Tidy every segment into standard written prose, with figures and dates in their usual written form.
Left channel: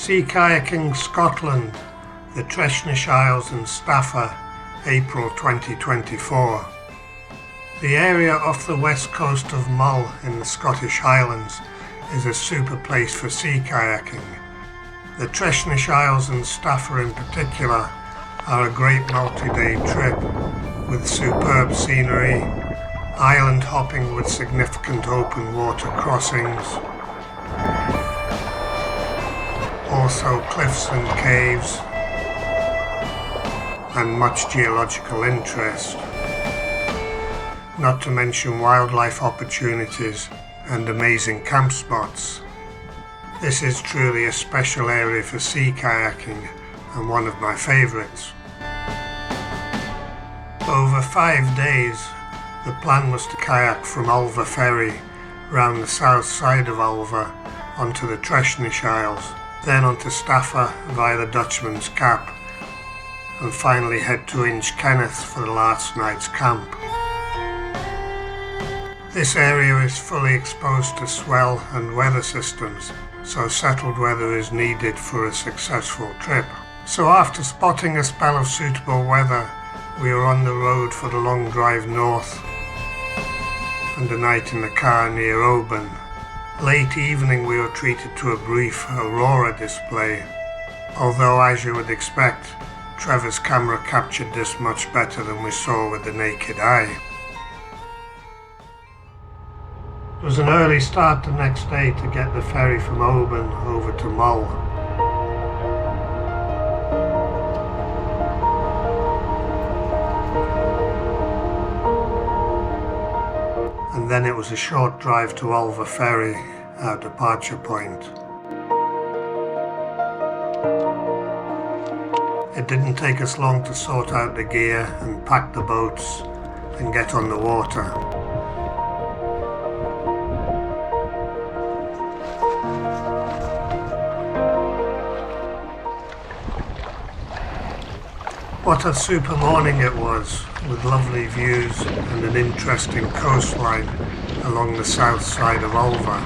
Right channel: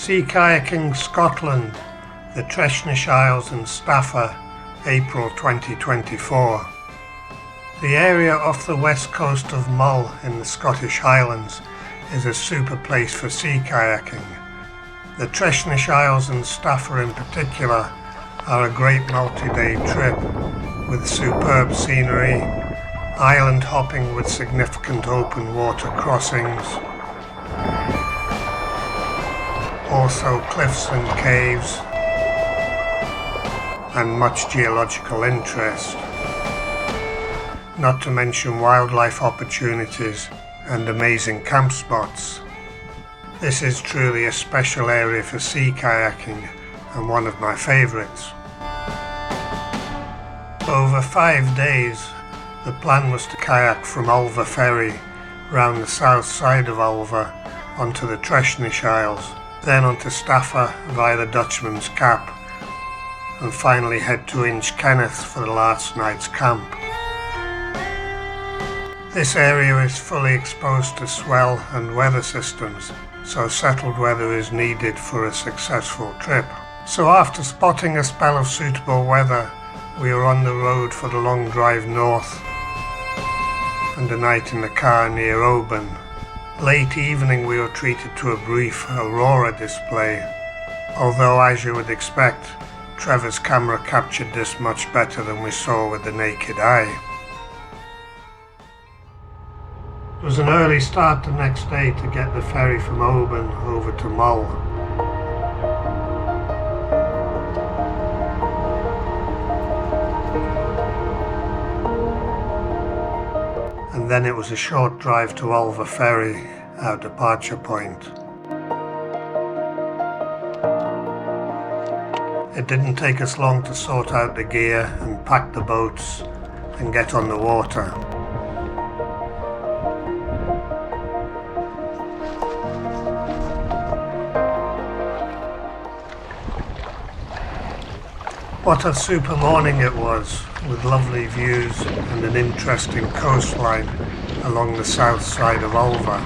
Sea Kayaking Scotland, the Treshnish Isles and Staffa, April 2024. The area off the west coast of Mull in the Scottish Highlands is a super place for sea kayaking. The Treshnish Isles and Staffa in particular are a great multi-day trip with superb scenery, island hopping with significant open water crossings, also cliffs and caves, and much geological interest, not to mention wildlife opportunities and amazing camp spots. This is truly a special area for sea kayaking and one of my favourites. Over 5 days, the plan was to kayak from Ulva Ferry round the south side of Ulva onto the Treshnish Isles, then onto Staffa via the Dutchman's Cap, and finally head to Inchkenneth for the last night's camp. This area is fully exposed to swell and weather systems, so settled weather is needed for a successful trip. So after spotting a spell of suitable weather, we were on the road for the long drive north and a night in the car near Oban. Late evening we were treated to a brief aurora display, although as you would expect, Trevor's camera captured this much better than we saw with the naked eye. It was an early start the next day to get the ferry from Oban over to Mull. And then it was a short drive to Ulva Ferry, our departure point. It didn't take us long to sort out the gear and pack the boats and get on the water. What a super morning it was, with lovely views and an interesting coastline along the south side of Ulva.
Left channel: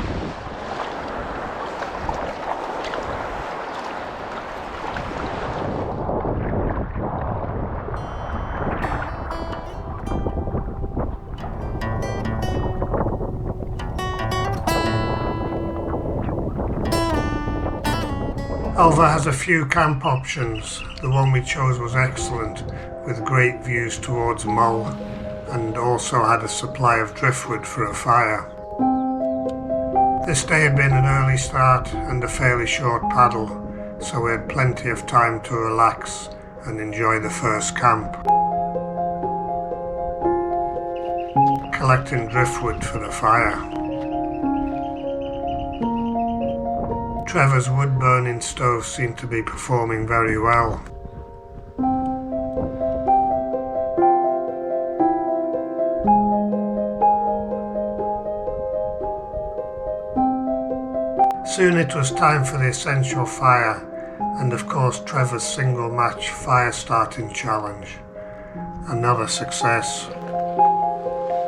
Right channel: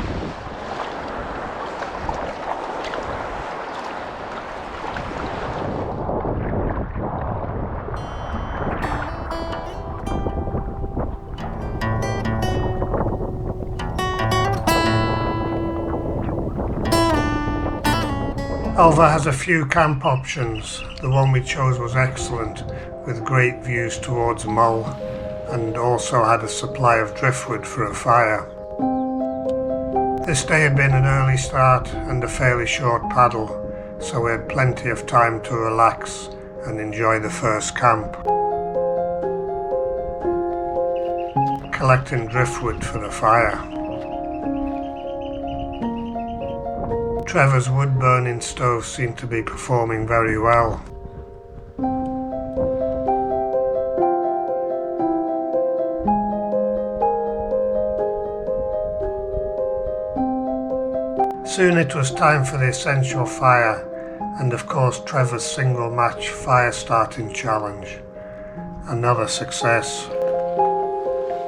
Ulva has a few camp options. The one we chose was excellent, with great views towards Mull, and also had a supply of driftwood for a fire. This day had been an early start and a fairly short paddle, so we had plenty of time to relax and enjoy the first camp. Collecting driftwood for the fire. Trevor's wood-burning stove seemed to be performing very well. Soon it was time for the essential fire, and of course Trevor's single match fire starting challenge. Another success.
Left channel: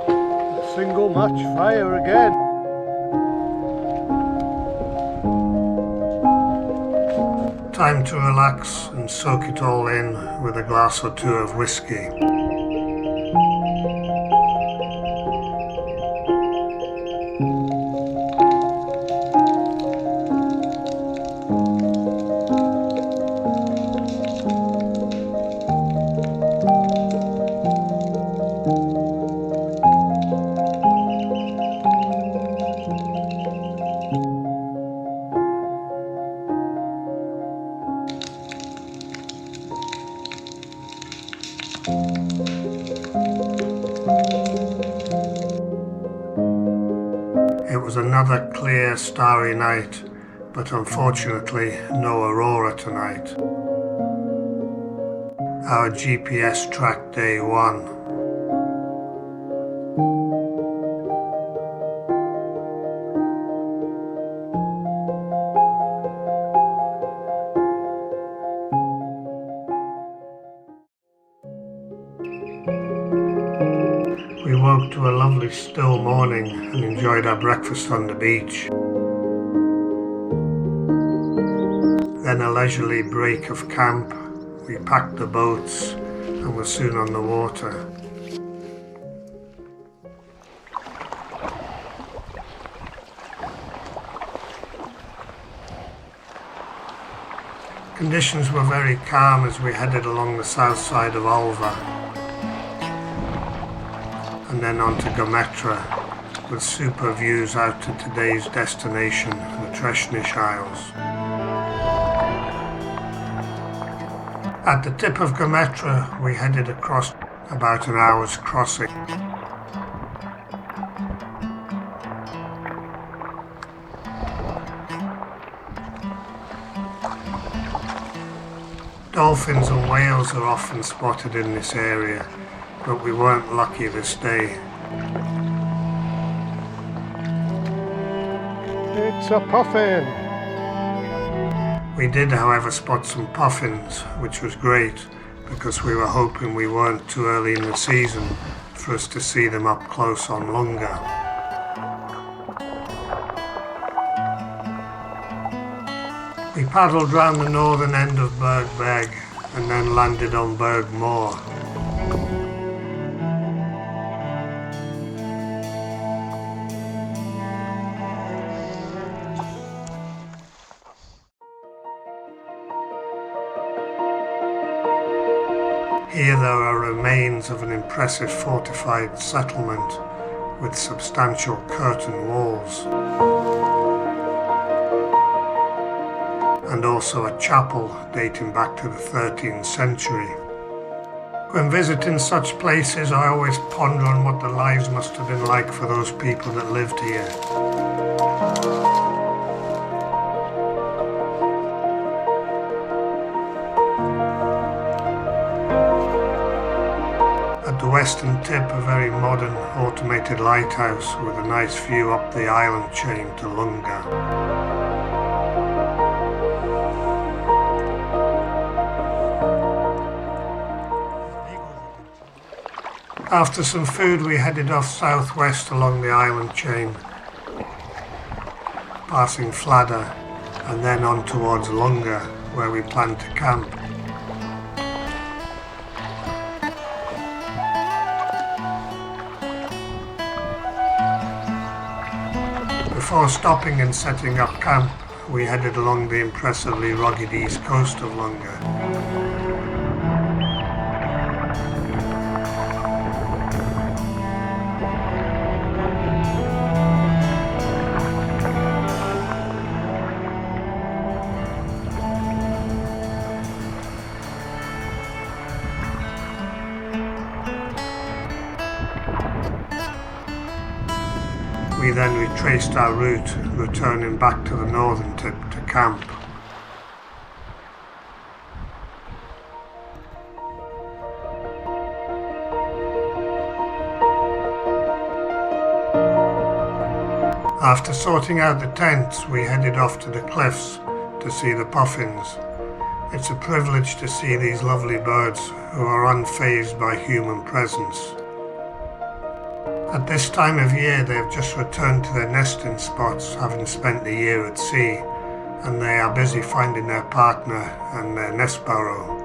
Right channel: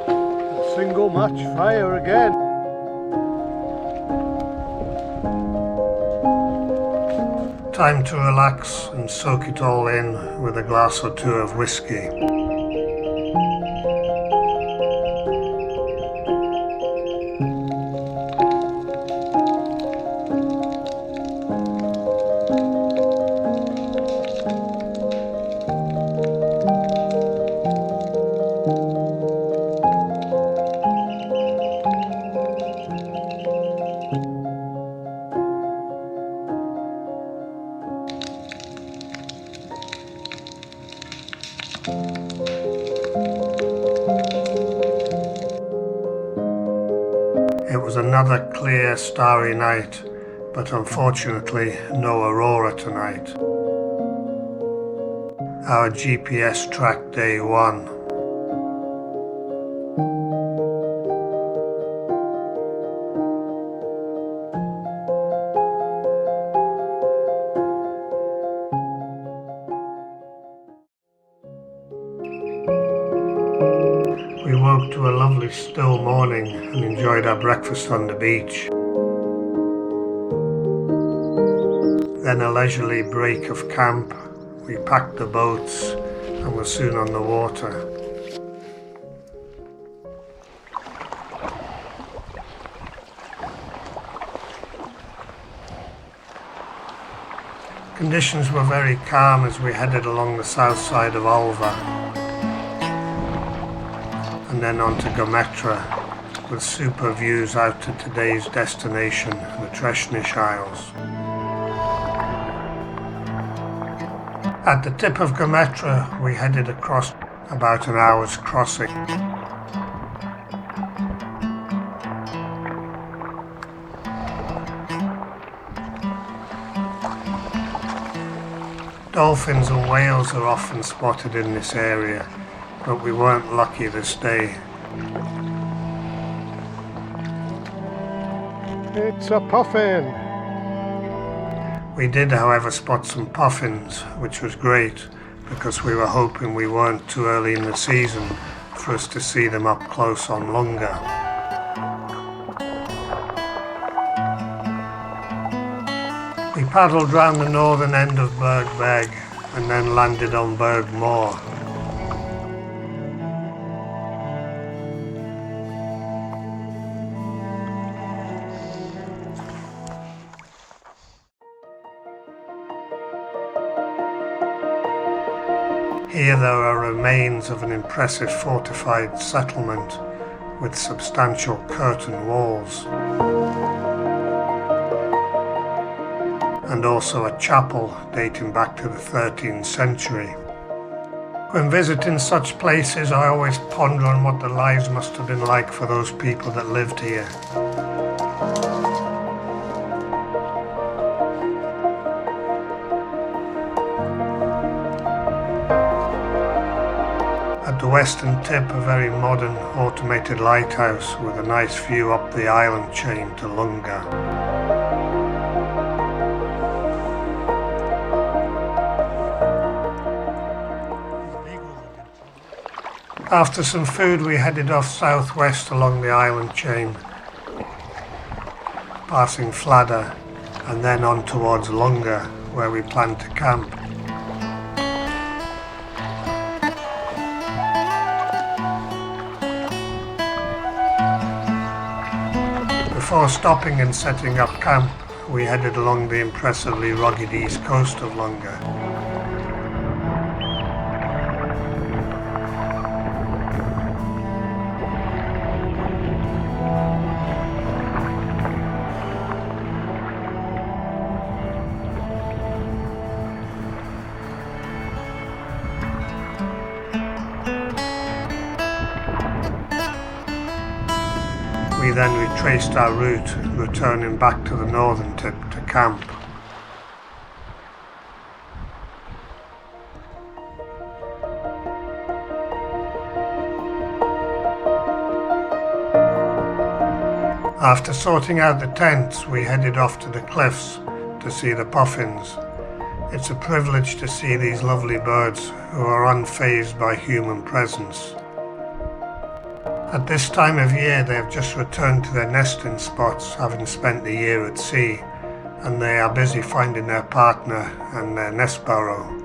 A single match fire again. Time to relax and soak it all in with a glass or two of whiskey. It was another clear, starry night, but unfortunately no aurora tonight. Our GPS tracked day 1. We woke to a lovely still morning and enjoyed our breakfast on the beach. Then a leisurely break of camp. We packed the boats and were soon on the water. Conditions were very calm as we headed along the south side of Alva and then on to Gometra, with super views out to today's destination, the Treshnish Isles. At the tip of Gometra, we headed across about an hour's crossing. Dolphins and whales are often spotted in this area, but we weren't lucky this day. It's a puffin. We did, however, spot some puffins, which was great because we were hoping we weren't too early in the season for us to see them up close on Lunga. We paddled round the northern end of Berg Beg and then landed on Berg Moor. Here there are remains of an impressive fortified settlement with substantial curtain walls, and also a chapel dating back to the 13th century. When visiting such places, I always ponder on what the lives must have been like for those people that lived here. At the western tip, a very modern automated lighthouse with a nice view up the island chain to Lunga. After some food, we headed off southwest along the island chain, passing Fladder and then on towards Lunga, where we planned to camp. Before stopping and setting up camp, we headed along the impressively rugged east coast of Lunga. We then retraced our route, returning back to the northern tip to camp. After sorting out the tents, we headed off to the cliffs to see the puffins. It's a privilege to see these lovely birds who are unfazed by human presence. At this time of year, they have just returned to their nesting spots, having spent the year at sea, and they are busy finding their partner and their nest burrow.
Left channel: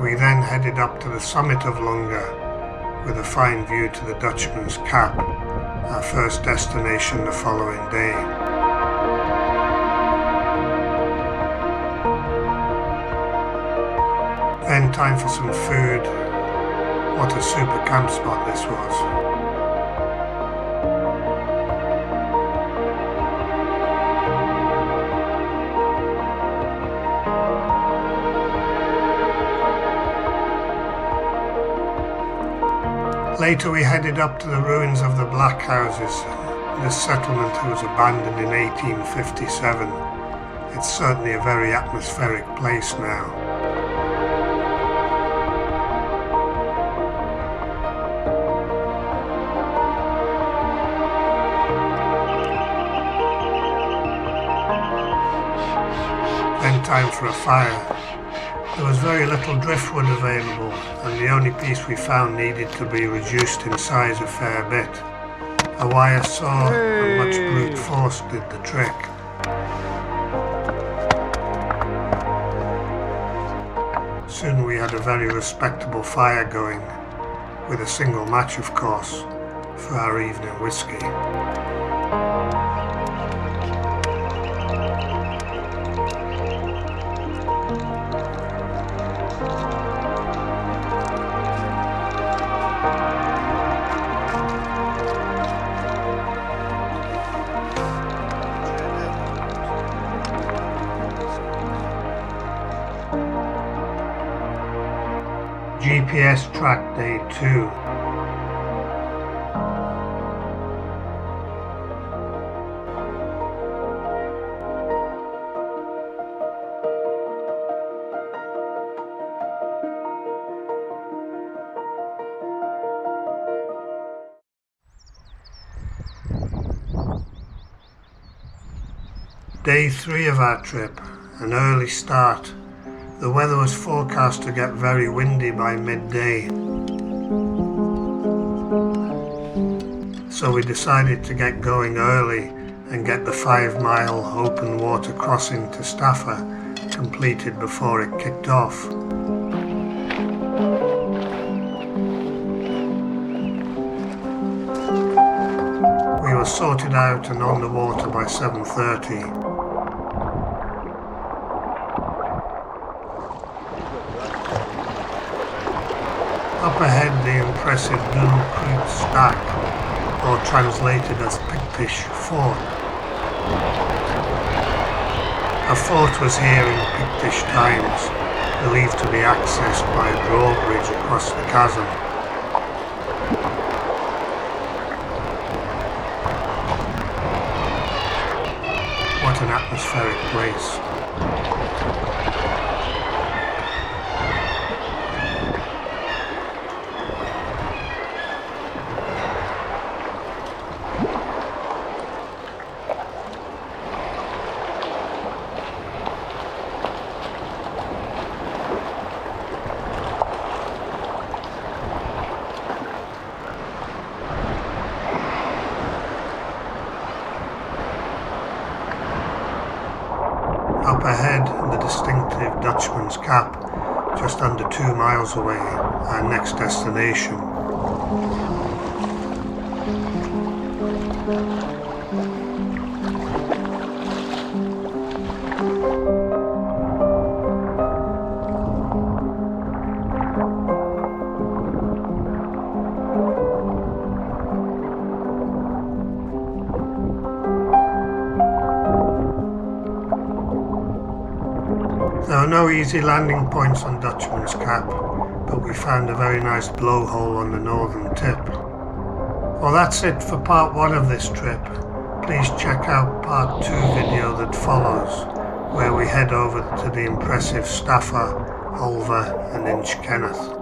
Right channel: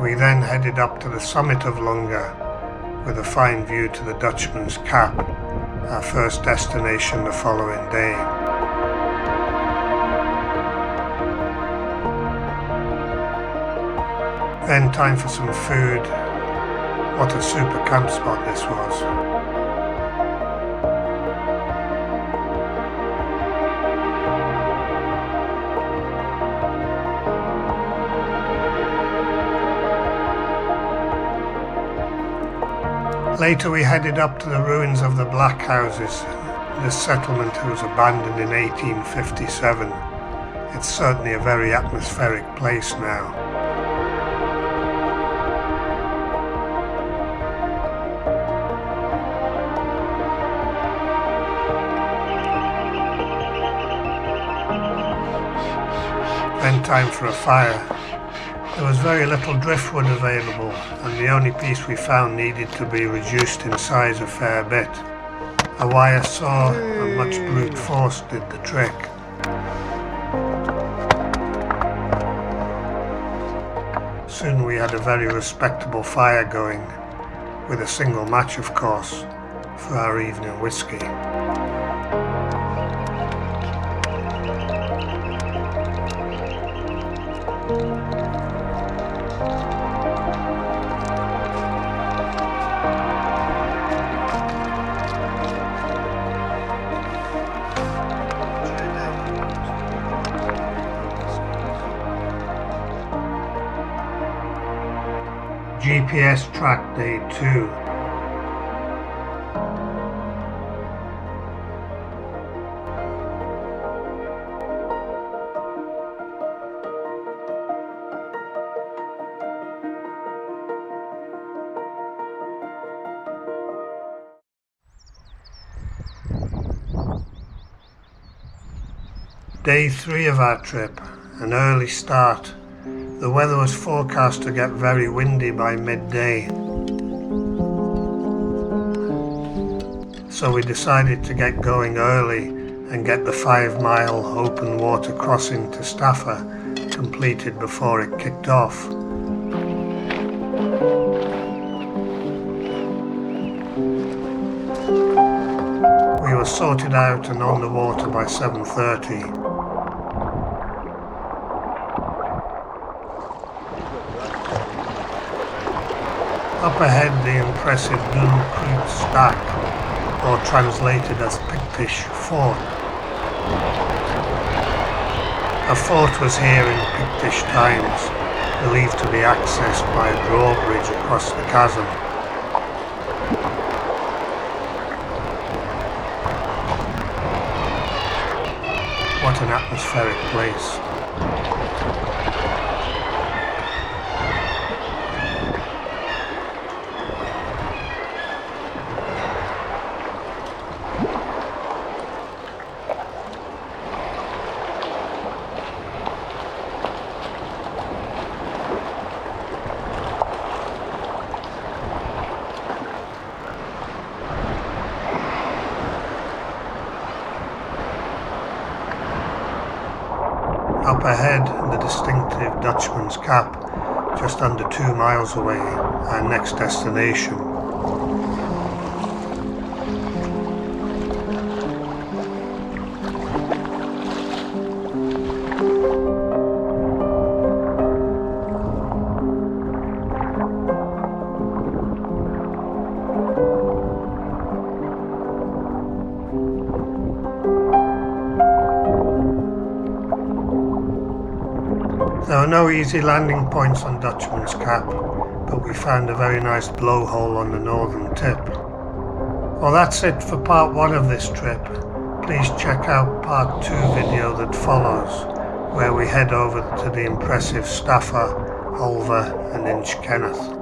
We then headed up to the summit of Lunga with a fine view to the Dutchman's Cap, our first destination the following day. Then time for some food. What a super camp spot this was. Later we headed up to the ruins of the Black Houses. This settlement was abandoned in 1857. It's certainly a very atmospheric place now. then time for a fire. There was very little driftwood available, and the only piece we found needed to be reduced in size a fair bit. A wire saw and much brute force did the trick. Soon we had a very respectable fire going, with a single match of course, for our evening whisky. GPS track day 2. Day 3 of our trip, an early start. The weather was forecast to get very windy by midday, so we decided to get going early and get the 5-mile open water crossing to Staffa completed before it kicked off. We were sorted out and on the water by 7:30. Up ahead the impressive Blue Creek Stack, or translated as Pictish Fort. A fort was here in Pictish times, believed to be accessed by a drawbridge across the chasm. What an atmospheric place. Up ahead, the distinctive Dutchman's Cap, just under 2 miles away, our next destination. There are no easy landing points on Dutchman's Cap, but we found a very nice blowhole on the northern tip. Well, that's it for part 1 of this trip. Please check out part 2 video that follows, where we head over to the impressive Staffa, Ulva and Inchkenneth.